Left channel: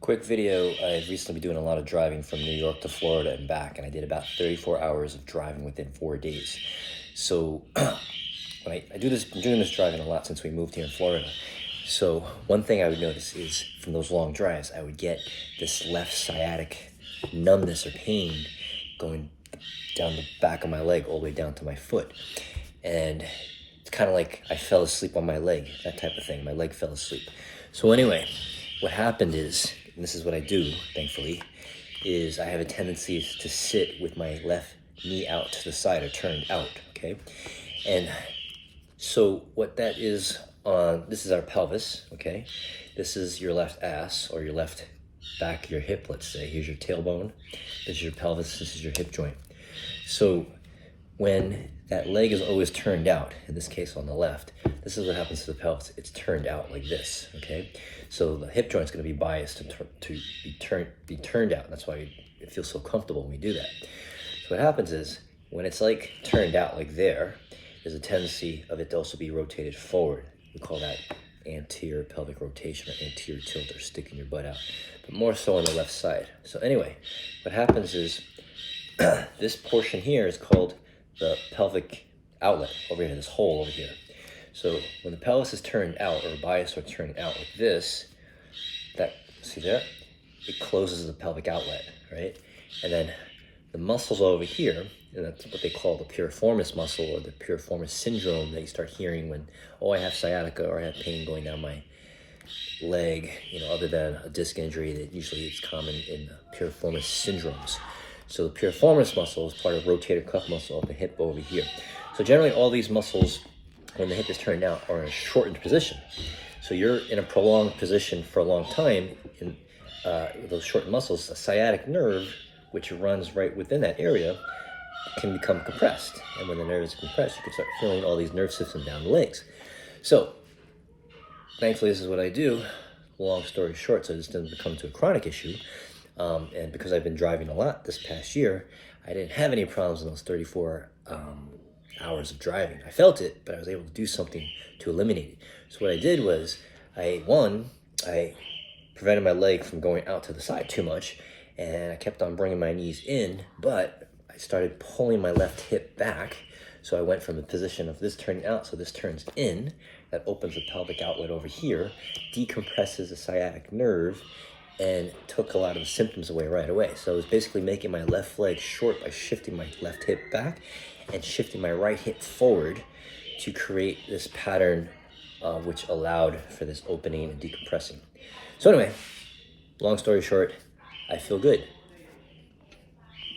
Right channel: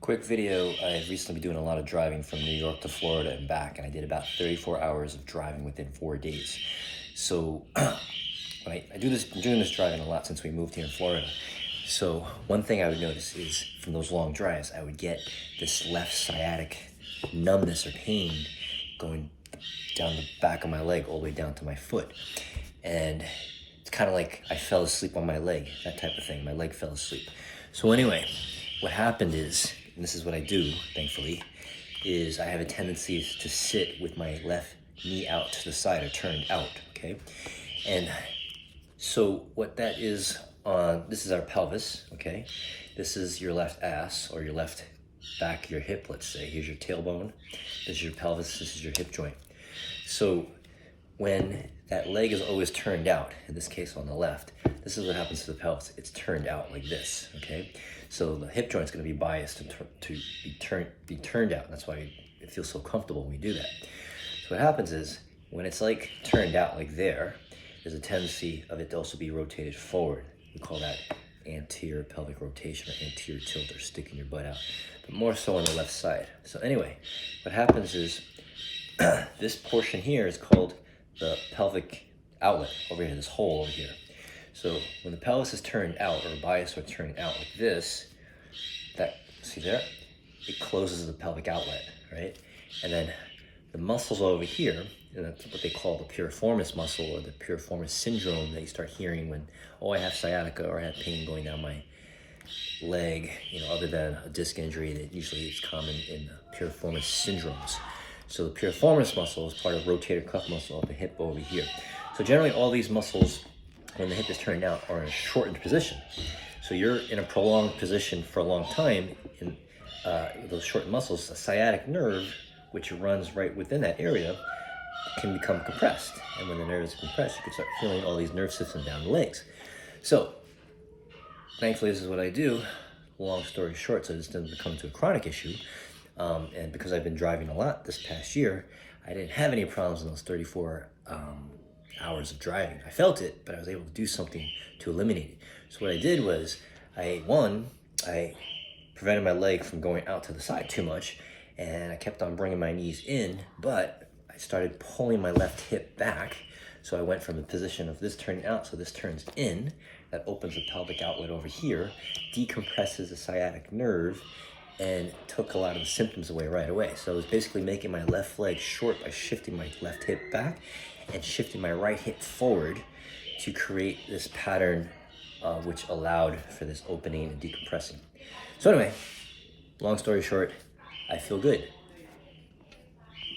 Quick video, I've recently been doing a lot of driving from New York to Florida and back, and I did about 34 hours of driving within 4 days. So I do this, I'm doing this driving a lot since we moved here in Florida. So one thing I would notice is from those long drives, I would get this left sciatic numbness or pain going down the back of my leg all the way down to my foot. And it's kind of like I fell asleep on my leg, that type of thing. My leg fell asleep. So anyway, what happened is, and this is what I do, thankfully, is I have a tendency to sit with my left knee out to the side or turned out, okay? And so what that is, this is our pelvis, okay? This is your left ass or your left back, your hip, let's say. Here's your tailbone, this is your pelvis, this is your hip joint. So when that leg is always turned out, in this case on the left, this is what happens to the pelvis. It's turned out like this, okay? So the hip joint's going to be biased to be turned out. That's why it feels so comfortable when we do that. So what happens is, when it's like turned out like there, there's a tendency of it to also be rotated forward. We call that anterior pelvic rotation or anterior tilt, or sticking your butt out, but more so on the left side. So anyway, what happens is, this portion here is called the pelvic outlet over here, this hole over here. So when the pelvis is turned out, or biased or turned out like this, that, see there? It closes the pelvic outlet, right? And then the muscles over here, and that's what they call the piriformis muscle, or the piriformis syndrome that you start hearing when, oh, I have sciatica, or I have pain going down my leg, other than a disc injury, that usually it's common in piriformis syndromes. So the piriformis muscle is part of rotator cuff muscle of the hip over here. So generally all these muscles, when the hip is turned out, are in a shortened position. So you're in a prolonged position for a long time, in those shortened muscles, a sciatic nerve, which runs right within that area, can become compressed. And when the nerve is compressed, you can start feeling all these nerve systems down the legs. So, thankfully this is what I do. Long story short, so this doesn't become to a chronic issue. And because I've been driving a lot this past year, I didn't have any problems in those 34 hours of driving. I felt it, but I was able to do something to eliminate it. So what I did was, I prevented my leg from going out to the side too much, and I kept on bringing my knees in, but I started pulling my left hip back. So I went from the position of this turning out, so this turns in, that opens the pelvic outlet over here, decompresses the sciatic nerve, and took a lot of the symptoms away right away. So I was basically making my left leg short by shifting my left hip back and shifting my right hip forward to create this pattern which allowed for this opening and decompressing. So anyway, long story short, I feel good.